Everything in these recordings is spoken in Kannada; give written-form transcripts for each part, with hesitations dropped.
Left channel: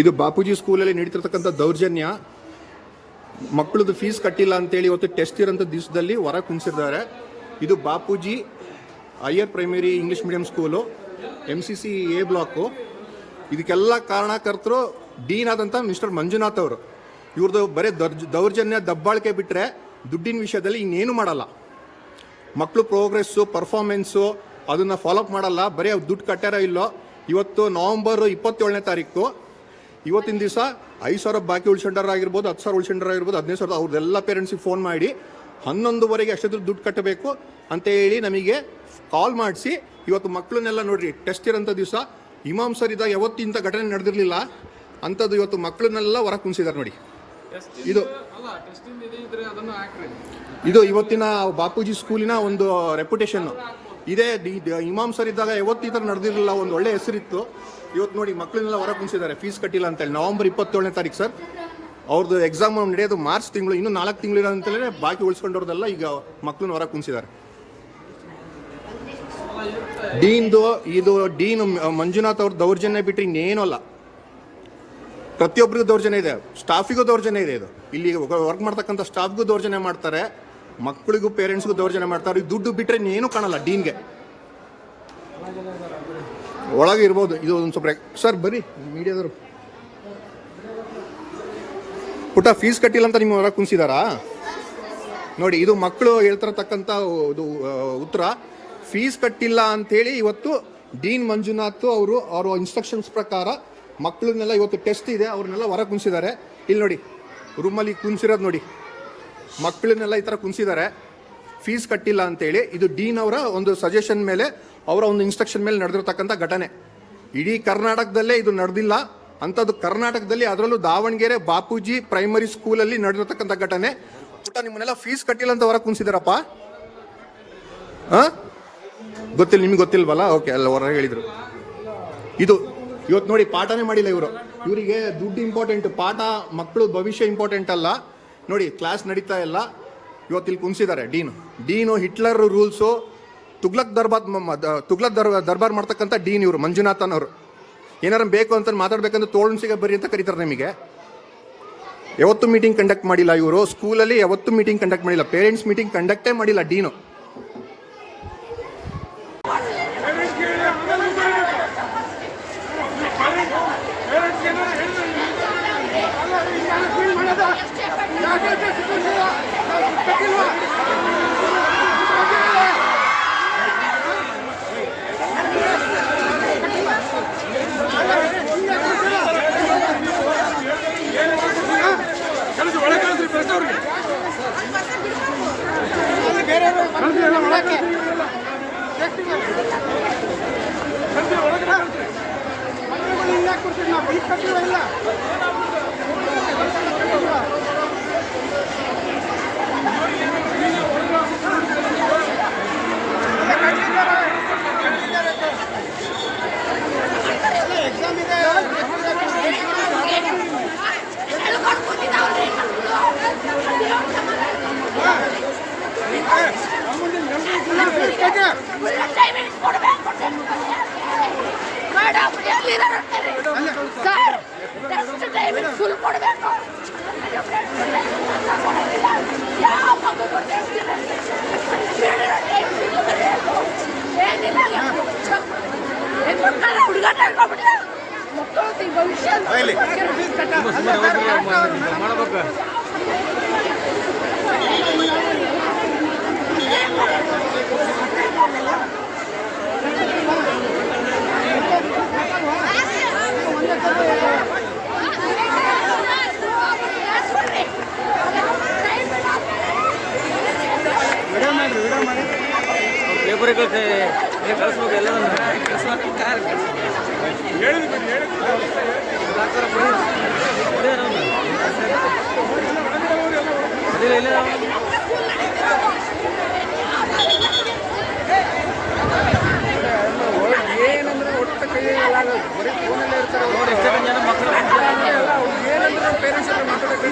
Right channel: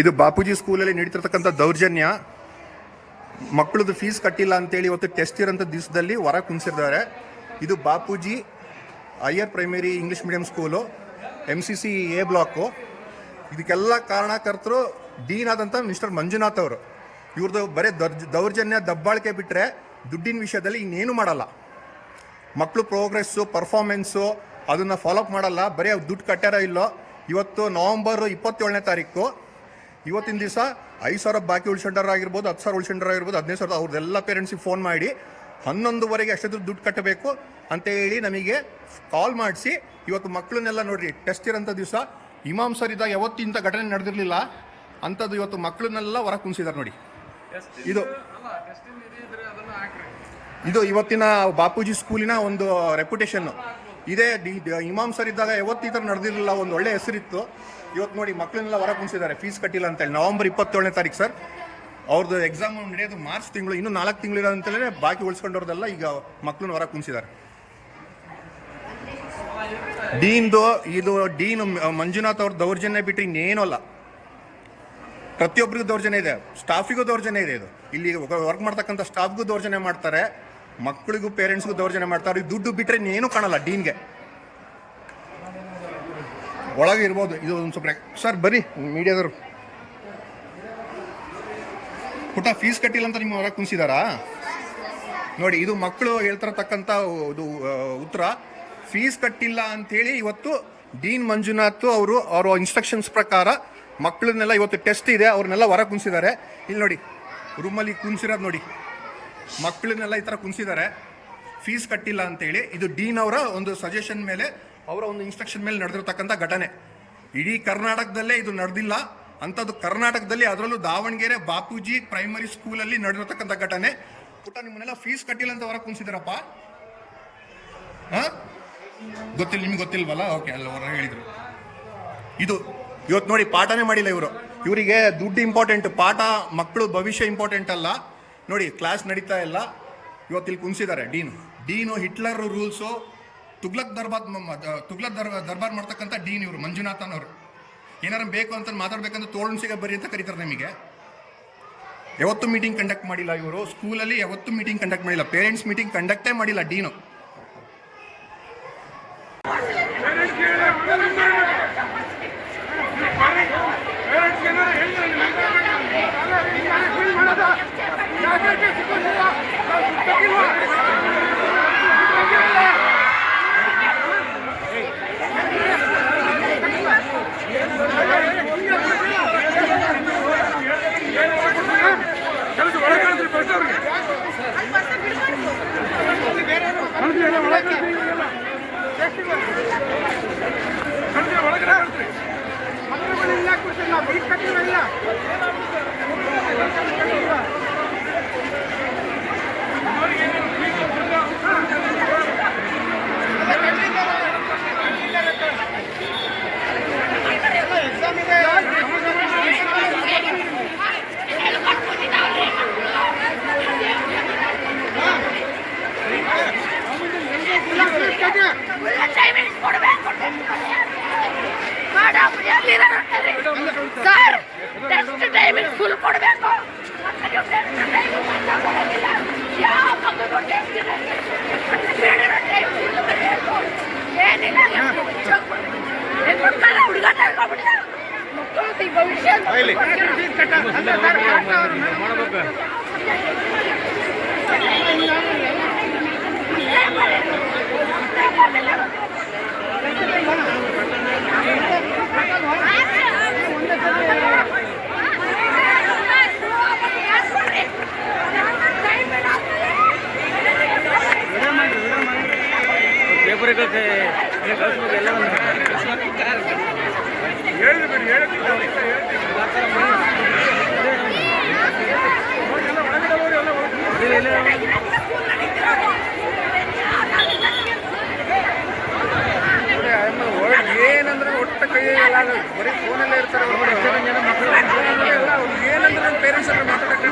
ಇದು ಬಾಪೂಜಿ ಸ್ಕೂಲಲ್ಲಿ ನಡೀತಿರ್ತಕ್ಕಂಥ ದೌರ್ಜನ್ಯ. ಮಕ್ಕಳದು ಫೀಸ್ ಕಟ್ಟಿಲ್ಲ ಅಂತೇಳಿ ಇವತ್ತು ಟೆಸ್ಟ್ ಇರೋಂಥ ದಿವಸದಲ್ಲಿ ಹೊರ ಕುಣಿಸಿದ್ದಾರೆ. ಇದು Bapuji higher primary English medium school, MCC A block. ಇದಕ್ಕೆಲ್ಲ ಕಾರಣಕರ್ತರು ಡೀನ್ ಆದಂಥ ಮಿಸ್ಟರ್ ಮಂಜುನಾಥ್ ಅವರು. ಇವ್ರದ್ದು ಬರೀ ದೌರ್ಜನ್ಯ ದಬ್ಬಾಳಿಕೆ ಬಿಟ್ಟರೆ ದುಡ್ಡಿನ ವಿಷಯದಲ್ಲಿ ಇನ್ನೇನು ಮಾಡಲ್ಲ. ಮಕ್ಕಳು ಪ್ರೋಗ್ರೆಸ್ಸು ಪರ್ಫಾರ್ಮೆನ್ಸು ಅದನ್ನು ಫಾಲೋಅಪ್ ಮಾಡಲ್ಲ. ಬರೀ ಅವ್ರು ದುಡ್ಡು ಕಟ್ಟಾರೋ ಇಲ್ಲೋ. ಇವತ್ತು ನವಂಬರ್ 27ನೇ ತಾರೀಕು, ಇವತ್ತಿನ ದಿವಸ 5,000 ಬಾಕಿ ಉಳ್ಸಂಡರಾಗಿರ್ಬೋದು, 10,000 ಉಳ್ಸಂಡರಾಗಿರ್ಬೋದು, 15,000 ಅವ್ರದ್ದೆಲ್ಲ ಪೇರೆಂಟ್ಸಿಗೆ ಫೋನ್ ಮಾಡಿ 11:00ವರೆಗೆ ಅಷ್ಟೊಂದು ದುಡ್ಡು ಕಟ್ಟಬೇಕು ಅಂತ ಹೇಳಿ ನಮಗೆ ಕಾಲ್ ಮಾಡಿಸಿ ಇವತ್ತು ಮಕ್ಕಳನ್ನೆಲ್ಲ ನೋಡ್ರಿ ಟೆಸ್ಟ್ ಇರೋಂಥ ದಿವಸ ಇಮಾಮ್ ಸರ್ ಇದ್ದಾಗ ಯಾವತ್ತಿಂಥ ಘಟನೆ ನಡೆದಿರಲಿಲ್ಲ ಅಂಥದ್ದು ಇವತ್ತು ಮಕ್ಕಳನ್ನೆಲ್ಲ ಹೊರ ಕುಣಿಸಿದ್ದಾರೆ ನೋಡಿ. ಇದು ಇವತ್ತಿನ ಬಾಪೂಜಿ ಸ್ಕೂಲಿನ ಒಂದು ರೆಪ್ಯುಟೇಷನ್ನು. ಇದೇ ಇಮಾಮ್ ಸರ್ ಇದ್ದಾಗ ಯಾವತ್ತು ಈ ಥರ ನಡೆದಿರಲಿಲ್ಲ, ಒಂದು ಒಳ್ಳೆ ಹೆಸರಿತ್ತು. ಇವತ್ತು ನೋಡಿ ಮಕ್ಕಳನ್ನೆಲ್ಲ ಹೊರ ಕುಣಿಸಿದ್ದಾರೆ ಫೀಸ್ ಕಟ್ಟಿಲ್ಲ ಅಂತೇಳಿ. ನವಂಬರ್ 27ನೇ ತಾರೀಕು ಸರ್, ಅವ್ರದ್ದು ಎಕ್ಸಾಮ್ ನಡೆಯೋದು ಮಾರ್ಚ್ ತಿಂಗಳು, ಇನ್ನೂ 4 ತಿಂಗಳಿರೋ ಅಂತಲೇ ಬಾಕಿ ಉಳಿಸ್ಕೊಂಡವ್ರದೆಲ್ಲ ಈಗ ಮಕ್ಕಳನ್ನ ಹೊರ ಕುಣಿಸಿದ್ದಾರೆ. ಇದು ಡೀನ್ ಮಂಜುನಾಥ್ ಅವ್ರ ದೌರ್ಜನ್ಯ ಬಿಟ್ಟರೆ ಇನ್ನೇನೂ ಅಲ್ಲ. ಪ್ರತಿಯೊಬ್ಬರಿಗೂ ದೌರ್ಜನ್ಯ ಇದೆ, ಸ್ಟಾಫಿಗೂ ದೌರ್ಜನ್ಯ ಇದೆ. ಇದು ಇಲ್ಲಿ ವರ್ಕ್ ಮಾಡ್ತಕ್ಕಂಥ ಸ್ಟಾಫ್ಗೂ ದೌರ್ಜನ್ಯ ಮಾಡ್ತಾರೆ, ಮಕ್ಕಳಿಗೂ ಪೇರೆಂಟ್ಸ್ಗೂ ದೌರ್ಜನ್ಯ ಮಾಡ್ತಾರೆ. ದುಡ್ಡು ಬಿಟ್ಟರೆ ಇನ್ನೇನು ಕಾಣಲ್ಲ ಡೀನ್ಗೆ. ಒಳಗೆ ಇರ್ಬೋದು. ಇದು ಒಂದು ಸ್ವಲ್ಪ ಸರ್ ಬರ್ರಿ ಮೀಡಿಯಾದವರು. ಪುಟ ಫೀಸ್ ಕಟ್ಟಿಲ್ಲ ಅಂತ ನಿಮ್ಮ ಹೊರಗೆ ಕುಣಿಸಿದಾರಾ ನೋಡಿ. ಇದು ಮಕ್ಕಳು ಹೇಳ್ತಿರತಕ್ಕಂಥ ಇದು ಉತ್ತರ. ಫೀಸ್ ಕಟ್ಟಿಲ್ಲ ಅಂಥೇಳಿ ಇವತ್ತು ಡೀನ್ ಮಂಜುನಾಥ್ ಅವರು ಅವರ ಇನ್ಸ್ಟ್ರಕ್ಷನ್ಸ್ ಪ್ರಕಾರ ಮಕ್ಕಳನ್ನೆಲ್ಲ ಇವತ್ತು ಟೆಸ್ಟ್ ಇದೆ, ಅವ್ರನ್ನೆಲ್ಲ ಹೊರ ಕುಣಿಸಿದ್ದಾರೆ. ಇಲ್ಲಿ ನೋಡಿ ರೂಮಲ್ಲಿ ಕುಣಿಸಿರೋದು ನೋಡಿ, ಮಕ್ಕಳನ್ನೆಲ್ಲ ಈ ಥರ ಕುಣಿಸಿದ್ದಾರೆ ಫೀಸ್ ಕಟ್ಟಿಲ್ಲ ಅಂತೇಳಿ. ಇದು ಡೀನ್ ಅವರ ಒಂದು ಸಜೆಷನ್ ಮೇಲೆ, ಅವರ ಒಂದು ಇನ್ಸ್ಟ್ರಕ್ಷನ್ ಮೇಲೆ ನಡೆದಿರ್ತಕ್ಕಂಥ ಘಟನೆ. ಇಡೀ ಕರ್ನಾಟಕದಲ್ಲೇ ಇದು ನಡೆದಿಲ್ಲ ಅಂಥದ್ದು. ಕರ್ನಾಟಕದಲ್ಲಿ ಅದರಲ್ಲೂ ದಾವಣಗೆರೆ ಬಾಪೂಜಿ ಪ್ರೈಮರಿ ಸ್ಕೂಲಲ್ಲಿ ನಡೆದಿರ್ತಕ್ಕಂಥ ಘಟನೆ. ಪುಟ್ಟ ನಿಮ್ಮನ್ನೆಲ್ಲ ಫೀಸ್ ಕಟ್ಟಿಲ್ಲ ಅಂತ ಹೊರ ಕುಣಿಸಿದಾರಪ್ಪ. ಗೊತ್ತಿಲ್ಲ, ನಿಮ್ಗೆ ಗೊತ್ತಿಲ್ವಲ್ಲ? ಓಕೆ, ಅಲ್ಲ ಹೊರ ಹೇಳಿದರು. ಇದು ಇವತ್ತು ನೋಡಿ ಪಾಠನೇ ಮಾಡಿಲ್ಲ ಇವರು. ಇವರಿಗೆ ದುಡ್ಡು ಇಂಪಾರ್ಟೆಂಟ್, ಪಾಠ ಮಕ್ಕಳು ಭವಿಷ್ಯ ಇಂಪಾರ್ಟೆಂಟ್ ಅಲ್ಲ. ನೋಡಿ ಕ್ಲಾಸ್ ನಡೀತಾ ಇಲ್ಲ, ಇವತ್ತು ಇಲ್ಲಿ ಕುಣಿಸಿದ್ದಾರೆ ಡೀನು ಹಿಟ್ಲರ್ ರೂಲ್ಸು, ತುಗ್ಲಕ್ ದರ್ಬಾರ್ ಮಾಡ್ತಕ್ಕಂಥ ಡೀನ್ ಇವರು ಮಂಜುನಾಥನ್ ಅವರು. ಏನಾರು ಬೇಕು ಅಂತ ಮಾತಾಡ್ಬೇಕಂದ್ರೆ ತೋಳನ್ಸಿಗೆ ಬರ್ರಿ ಅಂತ ಕರೀತಾರೆ ನಿಮಗೆ. ಯಾವತ್ತೂ ಮೀಟಿಂಗ್ ಕಂಡಕ್ಟ್ ಮಾಡಿಲ್ಲ ಇವರು ಸ್ಕೂಲಲ್ಲಿ, ಯಾವತ್ತೂ ಮೀಟಿಂಗ್ ಕಂಡಕ್ಟ್ ಮಾಡಿಲ್ಲ, ಪೇರೆಂಟ್ಸ್ ಮೀಟಿಂಗ್ ಕಂಡಕ್ಟೇ ಮಾಡಿಲ್ಲ dean. Sir test timing full ಕೊಡಬೇಕು. ಮಕ್ಕಳು ಭವಿಷ್ಯ ಪೇಪರ್ ಕಳಿಸ್ಬೇಕು ಎಲ್ಲ ಏನಂದ್ರೆ ಒಟ್ಟು ಕೈ ಬರೀ ಫೋನಲ್ಲೇ ಇರ್ತಾರೆ. ಮಕ್ಕಳು ಏನಂದ್ರೆ ಪೇರೆಂಟ್ಸ್ ಎಲ್ಲ ಮಾತಾಡೋದು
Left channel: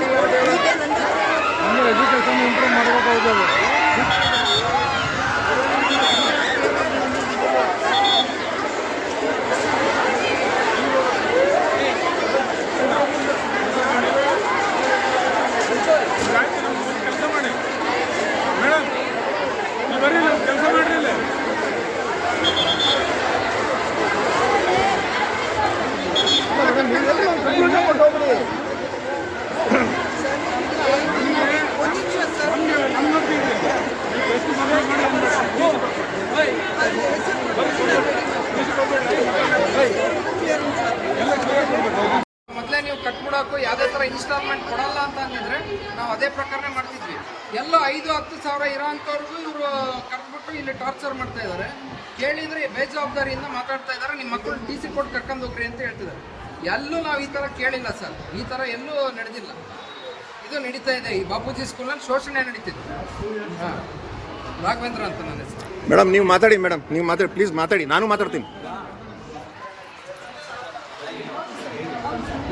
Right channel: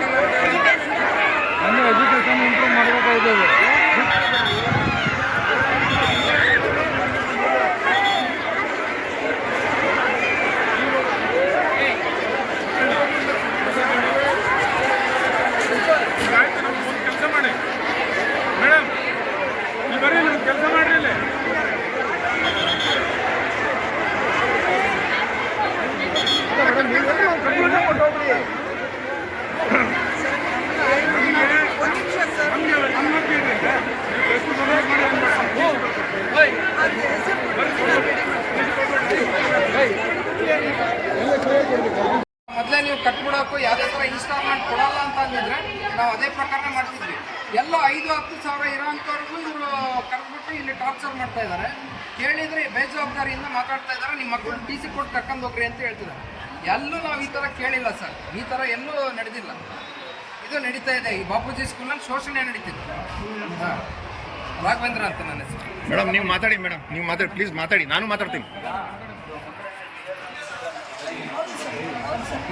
ಎಜುಕೇಶನ್ ಇಂಪ್ರೂವ್ ಮಾಡಬೇಕಾಗಿದೆ. ಮೇಡಮ್ ನೀವು ಹೊರಟೋಗ್ರಿ. ಮೊದಲೇ ನೀವು ಕಟ್ಬಿಡೋಕ್ಕೂ ಯಾವುದೇ ಥರ ಇನ್ಸ್ಟಾಲ್ಮೆಂಟ್ ಕೊಡಲ್ಲ ಅಂತ ಅಂದಿದ್ರೆ ನಾವು ಅದೇ ಪ್ರಕಾರನೇ ಮಾಡ್ತಿದ್ವಿ. ಎಲ್ಲ 5-10 ಸಾವಿರ ಇರೋಂಥವ್ರಿಗೂ ಇವರು ಕರೆದ್ಬಿಟ್ಟು ಇಲ್ಲಿ ಟಾರ್ಚರ್ ಮಾಡ್ತಾ ಇದ್ದಾರೆ. ಕೇಳಿದರೆ ಬೇಜವಾಬ್ದಾರಿಯಿಂದ ಮಾತಾಡ್ತಾ ಇದ್ದಾರೆ. ನಿಮ್ಮ ಮಕ್ಕಳು TC ಕೊಟ್ಟು ಕರ್ಕೊಂಡು ಹೋಗ್ರಿ ಅಂತ ಹೇಳ್ತಿದ್ದಾರೆ. ಎಲ್ಲೂ ನಾವು ಈ ಥರ ಕೇಳಿಲ್ಲ ಸರ್. ಈ ಥರ ಎಲ್ಲೂ ನಡೆದಿಲ್ಲ. ಇದು ನಡೀತಾ ಇದೆ ಈ ಬಾಪೂಜಿ ಸ್ಕೂಲಲ್ಲಿ ಶೋಷಣೆ ನಡೀತಿದೆ. ಹಾಂ, ರಾಘವೇಂದ್ರ ಅಂತ ನನ್ನ ಹೆಸರು. ಮೇಡಮ್ ನೀವು ಮಾತಾಡಿ, ಮೇಡಮ್ ನೀವು ಮಾತಾಡಿ, ಪ್ಲೀಸ್ ಮಾತಾಡಿ, ನಾನು ಮಾತಾಡ್ತೀನಿ.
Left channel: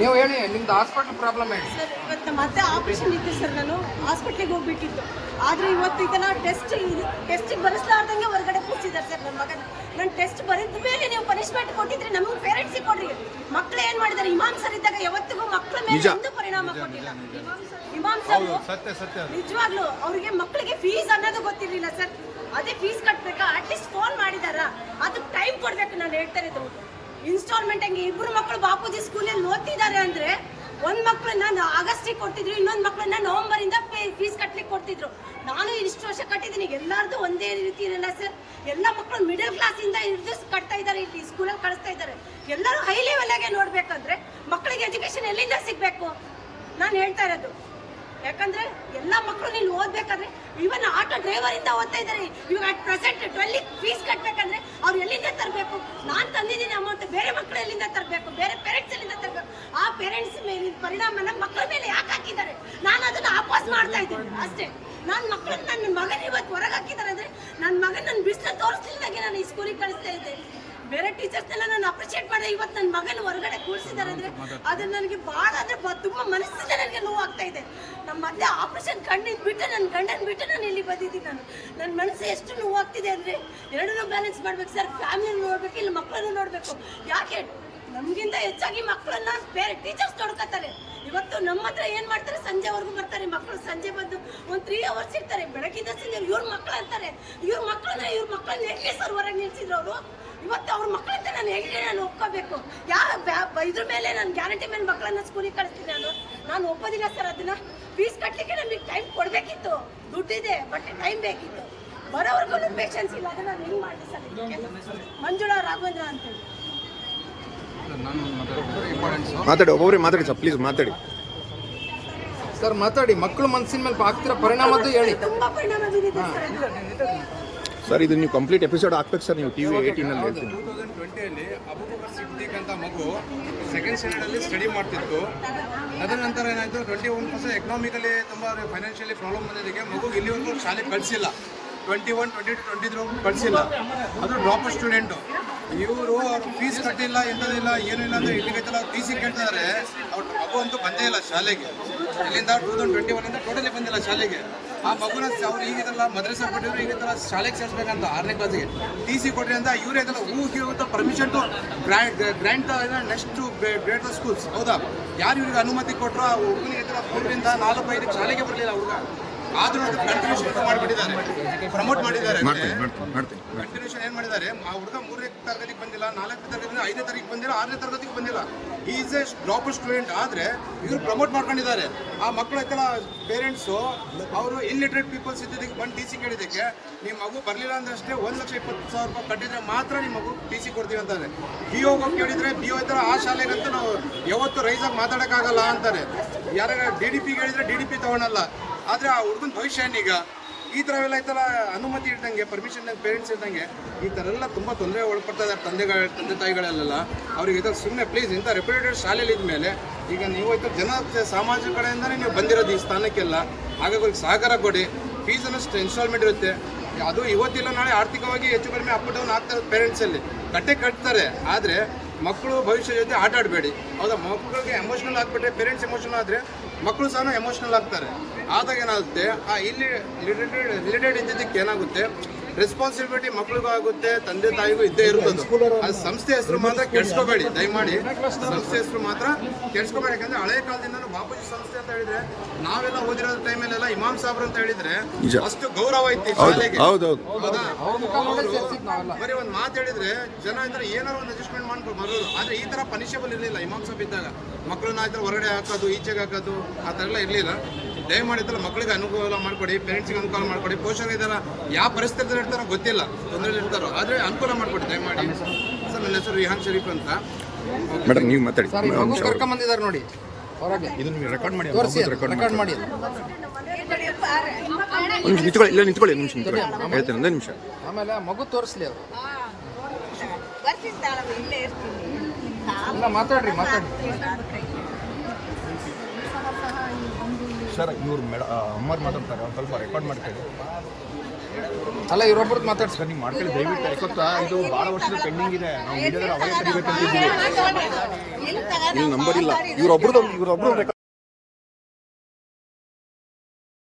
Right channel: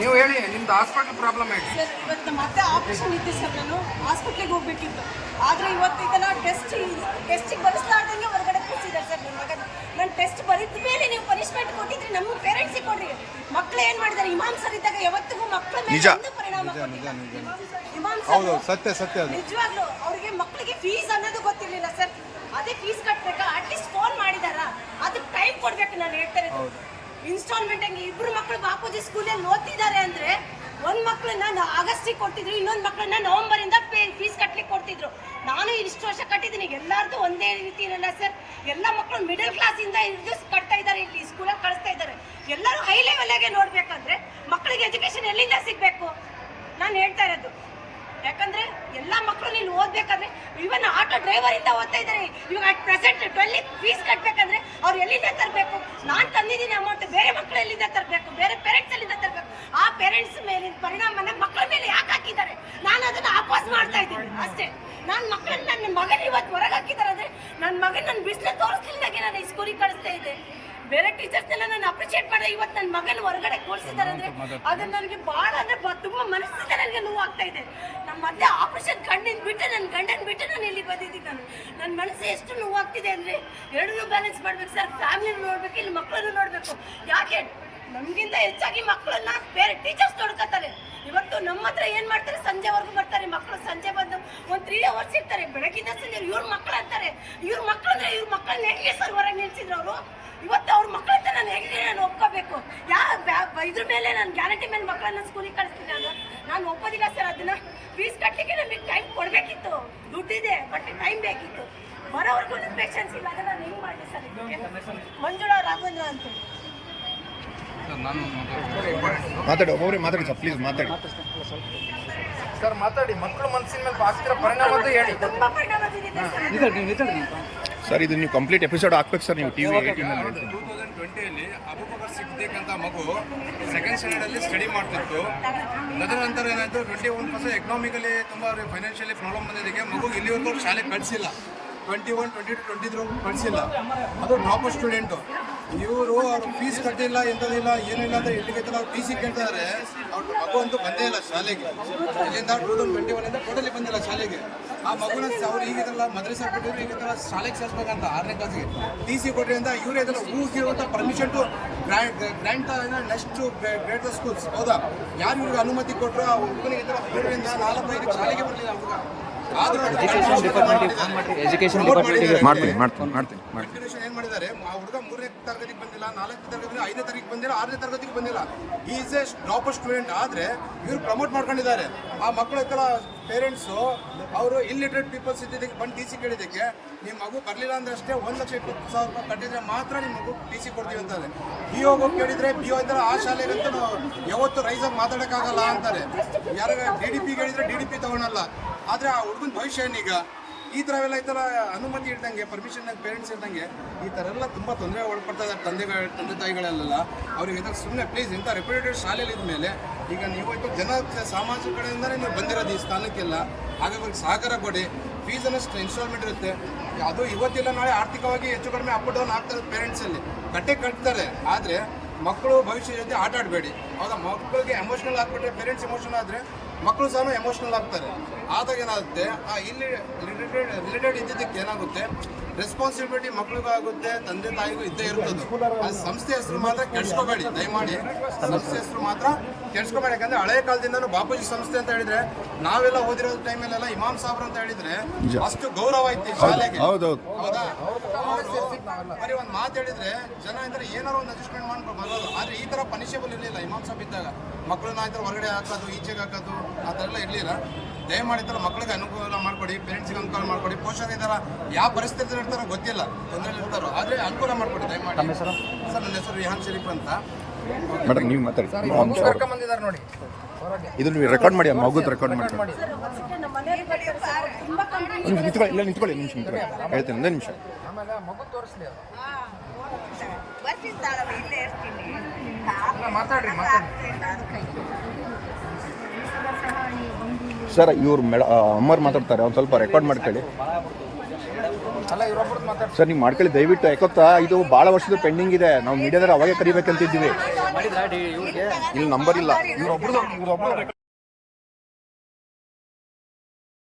ನೀವು ಹೇಳಿ, ನಿಮ್ದು ಹಾಸ್ಪಿಟಲ್ ಪ್ರಾಬ್ಲಮ್ ಹೇಳಿ. ಸರ್, ಇವತ್ತು ಮತ್ತೆ ಆಪರೇಷನ್ ಇತ್ತು ಸರ್. ನಾನು ಹಾಸ್ಪಿಟ್ಲಿಗೆ ಹೋಗ್ಬೇಕಿತ್ತು. ಆದರೆ ಇವತ್ತು ಇದನ್ನ ಟೆಸ್ಟಿಗೆ ಬರೆಸಲಾರ್ದಂಗೆ ಹೊರಗಡೆ ಕೂರಿಸಿದ್ದಾರೆ ಸರ್ ನನ್ನ ಮಗನ. ನಾನು ಟೆಸ್ಟ್ ಬರೆದ ಮೇಲೆ ನೀವು ಪನಿಷ್ಮೆಂಟ್ ಕೊಟ್ಟಿದ್ರೆ ನಮಗೆ ಪೇರೆಂಟ್ಸಿಗೆ ಕೊಡ್ರಿ. ಮಕ್ಕಳು ಏನು ಮಾಡಿದ್ದಾರೆ? ಇಮಾಮ್ ಸರ್ ಇದ್ದಾಗ ಯಾವತ್ತಿಗೂ ಮಕ್ಕಳ ಮೇಲೆ ಒಂದು ಪರಿಣಾಮ ಕೊಟ್ಟಿಲ್ಲ. ಇಮಾಮ್ ಸರ್ ನಿಜವಾಗ್ಲೂ ಅವ್ರಿಗೆ ಮಕ್ಕಳಿಗೆ ಫೀಸ್ ಅನ್ನೋದು ಗೊತ್ತಿರಲಿಲ್ಲ ಸರ್. ಅದೇ ಫೀಸ್ ಕಟ್ಟಬೇಕಾ? ಅಟ್ಲೀಸ್ಟ್ ಫೋನ್ ಮಾಡಿದಾರಾ? ಅದಕ್ಕೆ ಟೈಮ್ ಕೊಡಬೇಕು. ನಾನು ಹೇಳ್ತಾ ಇರೋದು ಇನ್ಸ್ಟಾಲ್ಮೆಂಟ್ ಹಂಗೆ. ಇಬ್ಬರು ಮಕ್ಕಳು ಬಾಪೂಜಿ ಸ್ಕೂಲಲ್ಲಿ ಓದ್ತಿದ್ದಾರೆ ಅಂದರೆ ಒಂದು ಮಕ್ಕಳನ್ನ ಆಗಸ್ಟಿಗೆ ಕೊಡ್ತಿದ್ರು, ಇನ್ನೊಂದು ಮಕ್ಕಳನ್ನ ನವಂಬರಿಂದ ಫೀಸ್ ಕಟ್ಲಿಕ್ಕೆ ಕೊಡ್ತಿದ್ರು. ನಾನು ಇಷ್ಟು ವರ್ಷ ಕಟ್ಟಿದ್ದೀನಿ. ಎಲ್ಲರದ್ದು ಒಂದೇ ರೀತಿ ಇರಲ್ಲ ಸರ್. ಎಲ್ಲ ಮಕ್ಕಳು ಮಿಡಲ್ ಕ್ಲಾಸಿಂದ ಹಿಡಿದು ಕಟ್ತಾ ಇದ್ದಾರೆ, ಇಲ್ಲಿ ಸ್ಕೂಲಲ್ಲಿ ಕಳಿಸ್ತಾ ಇದ್ದಾರೆ. ಎಲ್ಲರೂ ಹೈ ಲೆವೆಲ್ಗೆ ನೋಡಬೇಕಂದ್ರೆ ಮಕ್ಕಳಿಗೆ ಎಜುಕೇಷನ್ ಎಲ್ಲಿಂದ ಸಿಗಬೇಕು? ನಾನು ಹೇಳ್ತಾ ಇರೋದು. ಯಾಕಂದ್ರೆ ಎಲ್ಲ ಮಕ್ಕಳು ಇಲ್ಲಿ ಓದ್ಬೇಕಾದ್ರೆ ಇವನ್ ಆಟೋ ಡ್ರೈವರ್ ಇಂದ ಓದ್ತಾ ಇದ್ದಾರೆ. ಇವಾಗ ಅಟ್ ಪ್ರೆಸೆಂಟ್ 12 ಫೀಸ್ ಕಟ್ಟಬೇಕಂದ್ರೆ ಅವ್ರು ಎಲ್ಲಿಂದ ತರಬೇಕು? ನಾನು ತಂದಿದ್ದೀನಿ ಅಮೌಂಟ್, ಬೇರೆ ಮಕ್ಕಳು ಎಲ್ಲಿಂದ ತರಬೇಕು? ಬೇರೆ ಪೇರೆಂಟ್ಸ್ ಎಲ್ಲಿಂದ ತರಬೇಕು? ಆ ಪೇರೆಂಟ್ಸ್ ಮೇಲಿನ ಪರಿಣಾಮನ ಮಕ್ಕಳ ಮೇಲೆ ಯಾಕೆ ಹಾಕಿದ್ದಾರೆ? ನಾನು ಅದನ್ನ ವಾಪಸ್ ಮಾಡ್ತಾ ಇದ್ದೀನಿ ಅಷ್ಟೇ. ನನ್ನ ಮಗನ ಇವತ್ತು ಹೊರಗೆ ಹಾಕಿದ್ದಾರೆ ಅಂದ್ರೆ ನನ್ನ ಮಗನ ನನ್ನ ಬಿಸಿಲು ತೋರಿಸ್ತಿಲ್ದಾಗೆ ನಾನು ಈ ಸ್ಕೂಲಿಗೆ ಕಳಿಸ್ತಾ ಇದ್ದೆ. ಬೇರೆ ಟೀಚರ್ಸ್ನೆಲ್ಲ ನಾನು ಅಪ್ರಿಷಿಯೇಟ್ ಮಾಡಿದೆ. ಇವತ್ತು ನನ್ನ ಮಗನ ಹೊರಗಡೆ ಕೂರಿಸಿದ್ದಾರೆ ಅಂದರೆ ಅದನ್ನ ನನಗೆ ಭಾಳ ಅಂದರೆ ತುಂಬ ಮನಸ್ಸಿಗೆ ನನಗೆ ನೋವು ಆಗ್ತಾ ಇದೆ. ನಮ್ಮ ಮಧ್ಯೆ ಆಪರೇಷನ್ ಕಣ್ಣಿನ ಬಿಟ್ಟು ನನ್ನ ಗಂಡನ ಬಿಟ್ಟು ನಾನು ಇಲ್ಲಿ ಬಂದಿದ್ದೀನಿ. ನನ್ನ ಮನಸ್ಸು ಎಷ್ಟು ನೋವಾಗ್ತಿದೆ ಅಂದರೆ ಎರಡನ್ನೂ ಬ್ಯಾಲೆನ್ಸ್ ಮಾಡ್ಬೇಕು ಸರ್. ಫ್ಯಾಮಿಲಿನೂ ನೋಡಬೇಕು, ಇಲ್ಲಿ ಮಕ್ಕಳನ್ನು ನೋಡಬೇಕು. ಯಾಕೆ ನಮಗಿಂತ ಹೆಚ್ಚಾಗಿ ಮಕ್ಕಳನ್ನ ಬೇರೆ ಟೀಚರ್ಸ್ ನೋಡ್ಕೊತಾರೆ. ಇವತ್ತು ನಮ್ಮ ಹತ್ರ ಏನು ಮಾಡ್ತಾರೆ? ಸಂಜೆವರೆಗೂ ಬರ್ತಾರೆ ಮಕ್ಕಳು. ಸಂಜೆ ಬಂದು ಒಂದು 3 ಅವರ್ಸ್ ಇರ್ತಾರೆ. ಬೆಳಗಿಂದ ಸಂಜೆ ಇವ್ರ ಮಕ್ಕಳು ಅಂತಾರೆ. ಇವ್ರ ಮಕ್ಕಳು ಅಂದರೆ ಇವ್ರ ಮಕ್ಕಳನ್ನ ಹೇಗೆ ಸರ್ ಹೊರಗೆ ನಿಲ್ಸಿದ್ರು ಅವರು? ಇವತ್ತು ಅವ್ರ ಮಕ್ಕಳಂತ ನಾನು ಹೇಗೆ ನಾನು ಒಪ್ಕೋಬೇಕು? ಇದ್ರ ಮೇಲೆ ನಾನು ಗ್ಯಾರಂಟಿ ಮೇಲೆ ಮಕ್ಕಳನ್ನ ಸ್ಕೂಲಿಗೆ ಕಳಿಸ್ತೀನಿ. ನಾನು ಒಪ್ಪೋದಿಲ್ಲ ಸರ್. ಅದನ್ನ ಫೀಸ್ ಕಟ್ಟಲಿಕ್ಕೆ ನಮಗೆ ಟೈಮ್ ಕೊಡಬೇಕಿತ್ತು. ದುಡ್ಡಿದೆ, ಬಟ್ ಟೈಮ್ ಬೇಕಿತ್ತು. ಬರೋವರೆಗೂ ಪೇಷನ್ಸ್ ಇಲ್ಲ. ಅದನ್ನ ನಾನು ಹಿಂಗೆ ಮಾಡಿ ಸರ್. ಮಂಜುಳಾ ರಾಘವೇಂದ್ರ ಅಂತೇಳಿ. ಮಾತಾಡಿ, ಒಬ್ಬೊಬ್ಬರೇ ಮಾತಾಡಿ ಸರ್, ಪ್ಲೀಸ್ ಮಾತಾಡಿ ಸರ್. ಮಾತಾಡಿ. ಮಕ್ಕಳು ಮನಸ್ಸಿನ ಮೇಲೆ ಆಗ್ತಿರೋ ಪರಿಣಾಮ ಹೇಳಿ. ತುಂಬಾ ಪರಿಣಾಮ ಬೀರಿದೆ ಸರ್. ಇದು ನೀವು ಕಂಪ್ಲೀಟ್ ಎಪಿಸೋಡ್ ಹಾಕ್ಬೇಕು ಸರ್. ನೀವು TV 18 ಹೇಳ್ತೀನಿ. 2020 ಅಬೂಬಕರ್ ಸಿದ್ದಿಕ್ ಅಂತ ಮಗು ಸೆಕೆಂಡ್ ಸ್ಟ್ಯಾಂಡರ್ಡಲ್ಲಿ ಸ್ಟಡಿ ಮಾಡ್ತಿತ್ತು. ಅದರ ನಂತರ ಏನಾಯಿತು, 21% ಎಕನಾಮಿಕಲಿ ತುಂಬ ಅವ್ರಿಗೆ ಫೈನಾನ್ಷಿಯಲಿ ಪ್ರಾಬ್ಲಮ್ ಬಂದಿದ್ದಕ್ಕೆ ಮಗು ಇಲ್ಲಿವರೆಗೂ ಶಾಲೆಗೆ ಕಳಿಸಿಲ್ಲ. 21, 22, 23 ಕಳಿಸಿಲ್ಲ. ಅದು ಡ್ರಾಪರ್ ಸ್ಟೂಡೆಂಟು. ಇವರು ಅವ್ರು ಫೀಸ್ ಕಟ್ಟಿಲ್ಲ, ಎಂಥದಿಲ್ಲ, ಏನೂ ಇಲ್ಲ ಅಂತ ಇಲ್ಲಿಗೈತಲ್ಲ ಅವ್ರು TC ಕೇಳ್ತಿದ್ದಾರೆ. ಅವ್ರ ಮಗು ಅಂತೂ ಬಂದೇ ಇಲ್ಲ ಶಾಲೆಗೆ. ಇಲ್ಲಿಂದ 2021 ಟೋಟಲಿ ಬಂದಿಲ್ಲ ಶಾಲೆಗೆ. ಆ ಮಗುನ ಅವ್ರು ಈಗಿದಲ್ಲ ಮದ್ರಸಾ ಬಿಟ್ಟಿದ್ರು, ಈಗಿದಲ್ಲ ಶಾಲೆಗೆ ಸೇರಿಸ್ಬೇಕಂತ 6ನೇ ಕ್ಲಾಸಿಗೆ TC ಕೊಟ್ರಿ ಅಂತ ಇವ್ರು ಇದೆಲ್ಲ ಊರಿಗೆ permission to grant next great schools. ಹೌದಾ? ಯಾರು ಇವ್ರಿಗೆ ಅನುಮತಿ ಕೊಟ್ಟರು? ಆ ಹುಡುಗನಿಗೆ 3ರಿಂದ 4-5 ಶಾಲೆಗೆ ಬರಲಿಲ್ಲ ಹುಡುಗ. ಆದ್ರೂ ಪ್ರಮೋಟ್ ಮಾಡಿದ್ದಾರೆ. ಕಂಟಿನ್ಯೂಷನ್ ಏನ್ ಮಾಡಿದ್ದಾರೆ? ಆ ಹುಡುಗ 3ನೇ ತರಗತಿಗೆ ಬಂದಿಲ್ಲ, 4ನೇ ತರಗತಿ, 5ನೇ ತರಗತಿಗೆ ಬಂದಿಲ್ಲ, 6ನೇ ತರಗತಿಗೆ ಬಂದಿಲ್ಲ. Is A dropper student. ಆದ್ರೆ ಇವರು ಪ್ರಮೋಟ್ ಮಾಡ್ಕೊಂಡಿದ್ದಾರೆ. ಆ ಮಕ್ಕಳು ಐತಲ್ಲ ಪೇರೆಂಟ್ಸು ಅವರು ಇಲ್ಲಿಟ್ರೇಟ್ ಪೀಪಲ್ಸ್ ಇದ್ದಿದ್ದಕ್ಕೆ ಬಂದು TC ಕೇಳಿದ್ದಕ್ಕೆ ನಿಮ್ಮ ಮಗು ಬರಲಿಲ್ಲ ಅಂದ್ರೆ ಅಷ್ಟೇ 1,20,000 ರೂಪಾಯಿ ಕಟ್ಟಿದ್ರೆ ಮಾತ್ರ ನಿಮ್ಮ ಮಗು TC ಕೊಡ್ತೀವಿ ಅಂತಾರೆ. BO ಕೇಳಿದ್ರೆ BO ಅಂತಾರೆ ಆ ಶಾಲೆಗಂತೂ ನಾವು ಯಾವತ್ತು ರೈಸಾಗಿ ಮಾತಾಡೋಕ್ಕಾಗಲ್ಲ ಅಂತಾರೆ. ಯಾರ DDP ಹೇಳಿದ್ರೆ DDP ತಗೊಳಲ್ಲ. ಆದರೆ ಆ ಹುಡುಗನ ಭವಿಷ್ಯ ಏನೀಗ? ಈ ಥರ ಎಲ್ಲ ಐತಲ್ಲ ಅನುಮತಿ ಇಡ್ದಂಗೆ, ಪರ್ಮಿಷನ್ ಪೇರೆಂಟ್ಸ್ ಇದ್ದಂಗೆ ಈ ಥರ ಎಲ್ಲ ತುಂಬ ತೊಂದರೆ ಒಳಪಡ್ತಾ ಇದ್ದಾರೆ ತಂದೆ ತಾಯಿಗಳೆಲ್ಲ. ಅವ್ರಿಗೆ ಇದಕ್ಕೆ ಸುಮ್ಮನೆ ಪ್ಲೀಸ್ ಇಂಥ ರೆಪ್ಯುಟೇಟೆಡ್ ಶಾಲೆಯಲ್ಲಿ ಇದ್ಮೇಲೆ ಈಗ ನೀವು ಆಯ್ತು ಜನ ಸಮಾಜ ಕಡೆಯಿಂದಲೇ ನೀವು ಬಂದಿರೋದು ಈ ಸ್ಥಾನಕ್ಕೆಲ್ಲ. ಹಾಗಾಗಿ ಅವ್ರಿಗೆ ಸಹಕಾರ ಕೊಡಿ. ಫೀಸನ್ನು ಇನ್ಸ್ಟಾಲ್ಮೆಂಟ್ ಇರುತ್ತೆ. ಅದು ಇವತ್ತಿಲ್ಲ ನಾಳೆ ಆರ್ಥಿಕವಾಗಿ ಹೆಚ್ಚು ಕಡಿಮೆ ಅಪ್ ಡೌನ್ ಆಗ್ತಾ ಇರೋದು ಪೇರೆಂಟ್ಸಲ್ಲಿ. ಕಟ್ತಾರೆ. ಆದರೆ ಮಕ್ಕಳು ಭವಿಷ್ಯ ಜೊತೆ ಆಟ ಆಡಬೇಡಿ. ಹೌದಾ? ಮಕ್ಕಳಿಗೆ ಎಮೋಷನಲ್ ಆಗಿಬಿಟ್ರೆ, ಪೇರೆಂಟ್ಸ್ ಎಮೋಷನಲ್ ಆದರೆ ಮಕ್ಕಳು ಸಹ ಎಮೋಷನಲ್ ಆಗ್ತಾರೆ. ಆದಾಗ ಏನಾಗುತ್ತೆ, ಆ ಇಲ್ಲಿ ರಿಲೇಟೆಡ್ ಇದ್ದಿದ್ದಕ್ಕೆ ಏನಾಗುತ್ತೆ, ರೆಸ್ಪಾನ್ಸಿಬಿಲಿಟಿ ಮಕ್ಳಿಗೂ ಆಗುತ್ತೆ, ತಂದೆ ತಾಯಿಗೂ ಇದ್ದೇ ಇರ್ತದೆ. ಅದು ಸಂಸ್ಥೆ ಹೆಸರು ಮಾತ್ರ ಕೆಡ್ಸ್ಕೋಬೇಡಿ, ದಯಮಾಡಿ ಸಂಸ್ಥೆ ಹೆಸರು ಮಾತ್ರ ಕೆಡ್ಸ್ಕೋಬೇಡಿ. ಯಾಕಂದ್ರೆ ಹಳೆ ಕಾಲದಿಂದಲೂ ಬಾಪೂಜಿ ಸಂಸ್ಥೆ ಅಂತ ಹೇಳಿದ್ರೆ, ನಾವೆಲ್ಲ ಓದಿರೋ ಟೈಮಲ್ಲೆಲ್ಲ ಇಮಾಮ್ ಸಾಬ್ರು ಅಂತ ಹೇಳಿದ್ರೆ ಅಷ್ಟು ಗೌರವ ಇತ್ತು ಶಾಲೆಗೆ. ಹೌದಾ? ಬರೀ ಒಂದು ಮಾತು ಹೇಳಿದ್ರೆ ಜನ ಇದ್ರೆ ಏನಾರು ಒಂದು ಅಡ್ಜಸ್ಟ್ಮೆಂಟ್ ಮಾಡ್ಕೊಂಡು ಬರೋದು. ಆದ್ರೆ ಈ ತರ ಪನಿಷಬಲ್ ಇರಲಿಲ್ಲ ಇಮಾಮ್ ಸಾಬ್ ಇದ್ದಾಗ. ಮಕ್ಕಳನ್ನ ಆಯ್ತು ಹೊರಗಡೆ ಹಾಕೋದು, ಈಚೆಗೆ ಹಾಕೋದು, ಆ ಥರ ಎಲ್ಲ ಇರಲಿಲ್ಲ. ದಯಮಾಡಿದ್ದಲ್ಲ ಮಕ್ಕಳಿಗೆ ಅನುಕೂಲ ಮಾಡ್ಕೊಡಿ, ಪೇರೆಂಟ್ಸ್ಗೆ ಅನುಕೂಲ ಮಾಡ್ಕೊಡಿ. ಪೋಷಕರು ಇದ್ದಾರ ಯಾವ ಪರಿಸ್ಥಿತಿ ಇರ್ತಾರೋ ಗೊತ್ತಿಲ್ಲ, ತೊಂದರೆಯಲ್ಲಿ ಇರ್ತಾರೋ, ಆದರೆ ಅನುಕೂಲ ಮಾಡ್ಕೊಡಿ ದಯಮಾಡಿ. ಸರ್ ನನ್ನ ಹೆಸರು ರಿಹಾನ್ ಶರೀಫ್ ಅಂತ. ಮೇಡಮ್ ನೀವು ಮಾತಾಡಿ. ಕರ್ಕೊಂಬಂದಿದ್ದಾರೆ ನೋಡಿ ಹೊರಗೆ. ಇದು ನೀವು ರೆಕಾರ್ಡ್ ಮಾಡಿ, ಮಗುದು ರೆಕಾರ್ಡ್ ಮಾಡಿ. ಮಾಡಿ ಒಂದು ನಿಮಿಷ ನಿಂತ್ಕೊಳ್ಳಿ, ಇಲ್ಲ ನಿಂತ್ಕೊಳ್ಳಿ, ನಿಮಿಷ ನಿಂತ್ಕೊಳ್ಳಿ, ಹೇಳ್ತೇನೆ ಒಂದೇ ನಿಮಿಷ. ಆಮೇಲೆ ಮಗು ತೋರಿಸ್ಲಿ ಅವರು. ಮಾತಾಡ್ರಿ. ಸರ್ ಇವ್ರು ಅಮ್ಮರು ಮಾತಾಡ್ತಾರೆ, ಒಂದು ಸ್ವಲ್ಪ ರೆಕಾರ್ಡ್ ಮಾಡ್ಕೊಳ್ಳಿ. ಅಲ್ಲ ಇವರೊಬ್ಬರು ಮಾತಾಡ್ತಾರೆ ಸರ್, ನೀವು ಮಾಡ್ಕೊಳ್ಳಿ ದಯವಿಟ್ಟು. ಯಾಕೊತ್ತಾ ಇದು ಭಾಳ ವರ್ಷದ ಪೆಂಡಿಂಗ್ ಇದೆ. ನಾವು ಮೀಡಿಯಾದಲ್ಲಿ ಅವಾಗೇ ಕರಿಬೇಕಂತಿದ್ದೀವಿ. ಇಲ್ಲಿ ನಂಬರ್ ಇಲ್ಲ. ಇವ್ರೊಬ್ರದ್ದು